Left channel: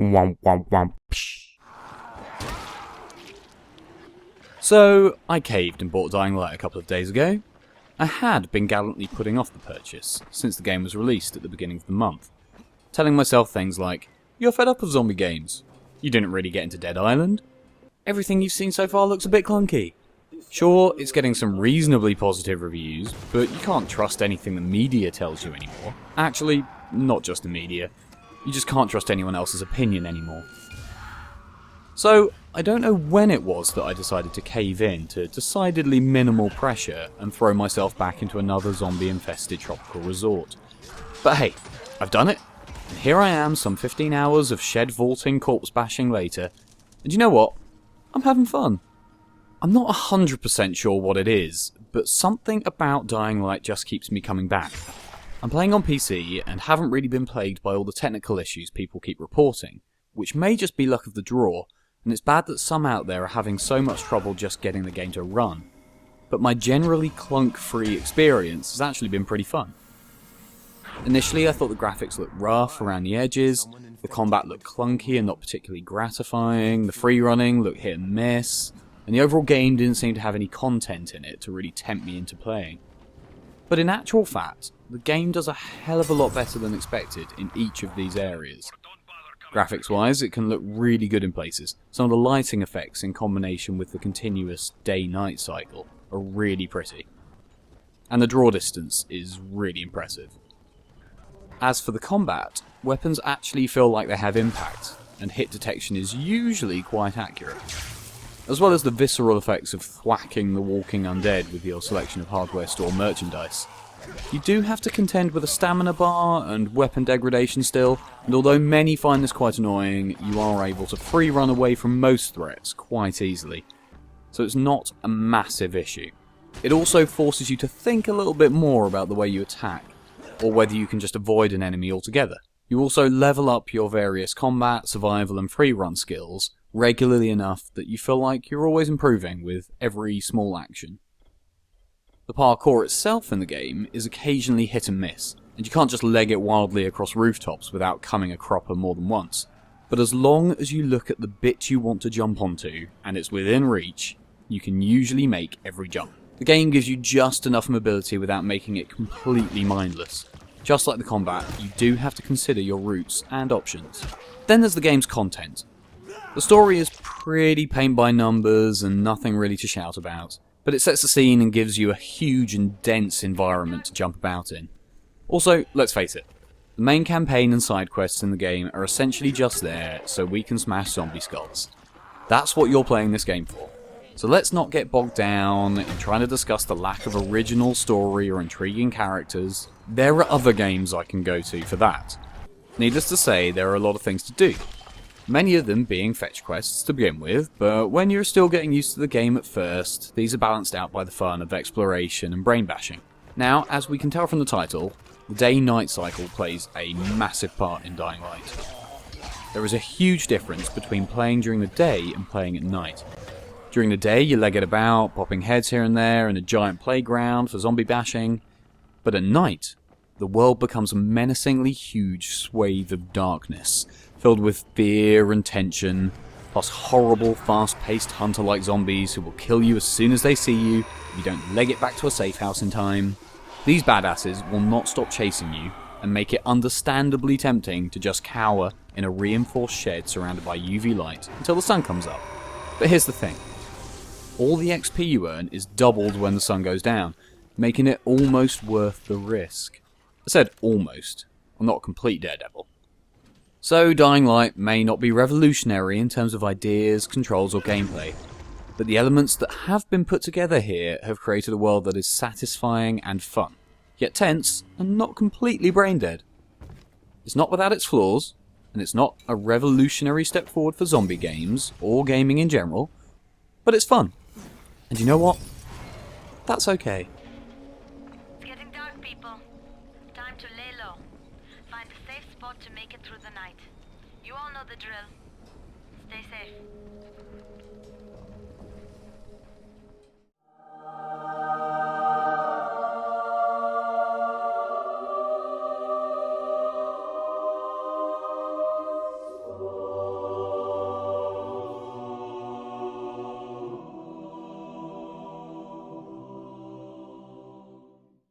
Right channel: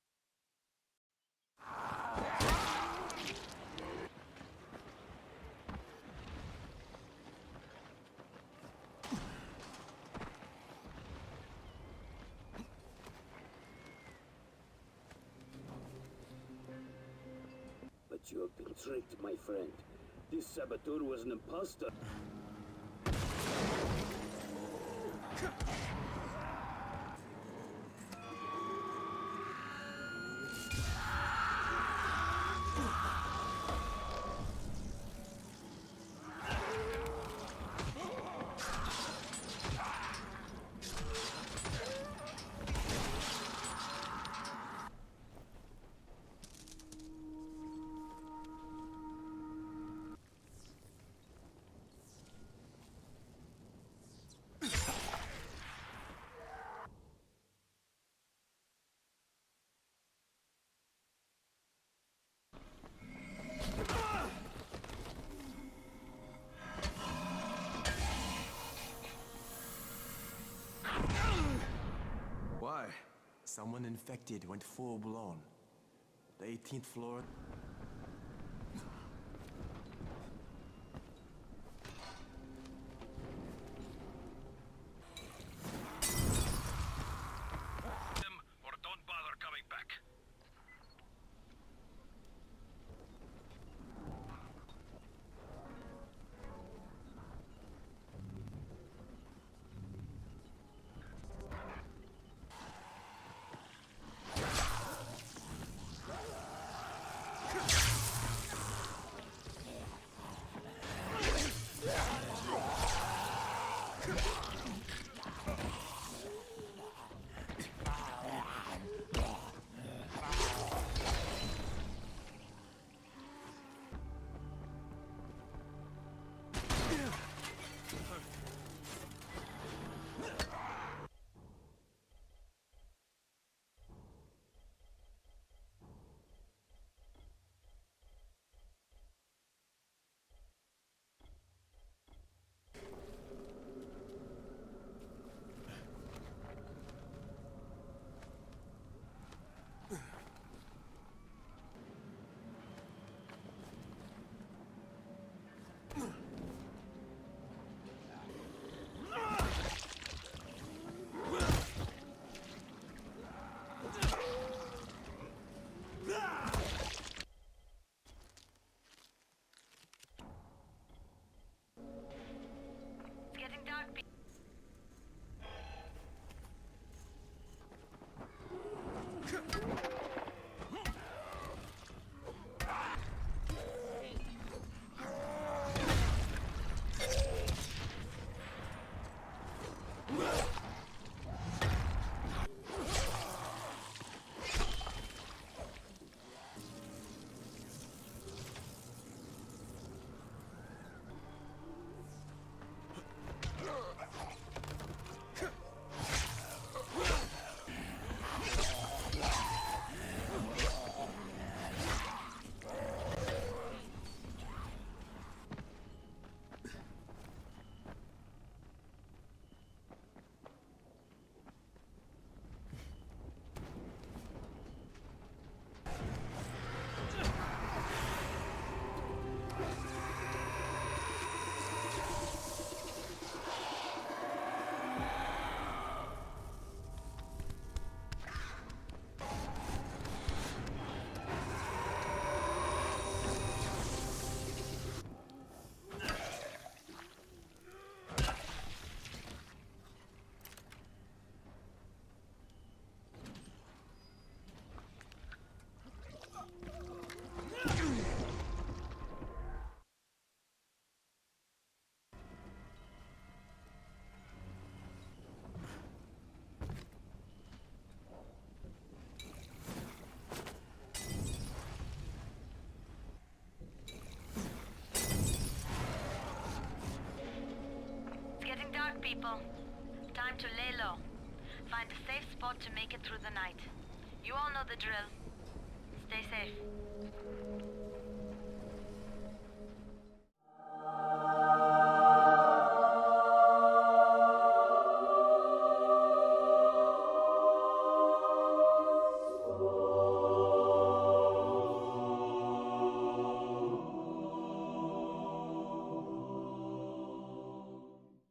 Womp womp womp. Psh. So, I caved and bought Dying Light a couple of days ago. I had been gallantly putting off the purchase since the game was released at the beginning of the month, telling myself things like, "You're fed up of zombie games. You didn't really get into Dead Island. Everything you've seen so far looks a bit clunky. Sure, it's getting some reasonably positive reviews, but you can't trust anything the media tells you anymore. Actually, not just the media. You just can't trust anyone else's opinion anymore." So, I don't know when it was that I decided to cave in to decidedly minimal pressure and throw myself back into another zombie-infested tropical resort. But hey, I've done it. Here I am, some 15 hours of shed vaulting corpse bashing later, and you know what? I'm having fun. I'm not 100% sure what it is, but something about Dying Light just keeps me coming back. I'm playing on PC and haven't really been plagued by all the technical issues people keep reporting, which may just be luck of the draw, and it's bad that some out there are having so much trouble just getting the game to run. But my generally clunk-free experience has actually been pretty fun. Initially, I thought the graphics looked rough around the edges, the combat looked clunky and not particularly gratifying, the free running looked hit and miss, and the overall game didn't seem to have any content in it to really tempt me into playing. But in actual fact, the game does a hell of a lot better than expected in each of these areas. Graphics-wise, it can look really good in places. Some of the lighting effects in combination with the continuous day-night cycle are really pretty. And the draw distance is really impressive. As for the combat, weapons actually feel like they have impact, and hit detection is usually quite accurate. As well as the visceral effects of thwacking the walking undead with your selection of hardware store merchandise. You do have to contend with a stamina bar and weapon degradation still, and although many find this quite annoying, you are able to free run away from most threats quite easily. So it's not a massive issue. It also forces you to think a little bit more about the way you attack, or whether you can just avoid an enemy altogether. You also level up your various combat, survival and free run skills regularly enough that you feel like you're always improving with every small action. The parkour itself in the game is occasionally hit and miss, and you can't just leg it wildly across rooftops without coming a cropper more than once. But as long as you look at the bit you want to jump onto, and it's within reach, you can usually make every jump. The game gives you just enough mobility without making it completely mindless. Just like the combat, you do have to consider your routes and options. Then there's the game's content. The story is pretty paint by numbers and nothing really to shout about, but it sets the scene and gives you a huge and dense environment to jump about in. Also, let's face it, the main campaign and side quests in the game are essentially just there so we can smash zombie skulls. That's what you're playing this game for. So let's not get bogged down in trying to discuss the lack of original story or intriguing characters. There are other games I can go to for that. Needless to say, there are a lot of things to do. Many of them being fetch quests to begin with, but when you're still getting used to the game at first, these are balanced out by the fun of exploration and brain bashing. Now, as we can tell from the title, the day-night cycle plays a massive part in Dying Light. There is a huge difference between playing during the day and playing at night. During the day, you leg it about, popping heads here and there in a giant playground for zombie bashing, but at night, the world becomes a menacingly huge swathe of darkness, filled with fear and tension, plus horrible, fast-paced hunter-like zombies who will kill you as soon as they see you if you don't leg it back to a safe house in time. These badasses will not stop chasing you, and make it understandably tempting to just cower in a reinforced shed surrounded by UV light until the sun comes up. But here's the thing. All the XP you earn is doubled when the sun goes down, making it almost worth the risk. I said almost. I'm not a complete daredevil. So Dying Light may not be revolutionary in terms of ideas, controls or gameplay, but the elements that have been put together here have created a world that is satisfying and fun, yet tense and not completely brain dead. It's not without its flaws, and it's not a revolutionary step forward for zombie games, or gaming in general, but it's fun. And you know what? That's okay. It's getting dark, people. Time to lay low. Find a safe spot to make it through the night. You all know the drill. Stay safe.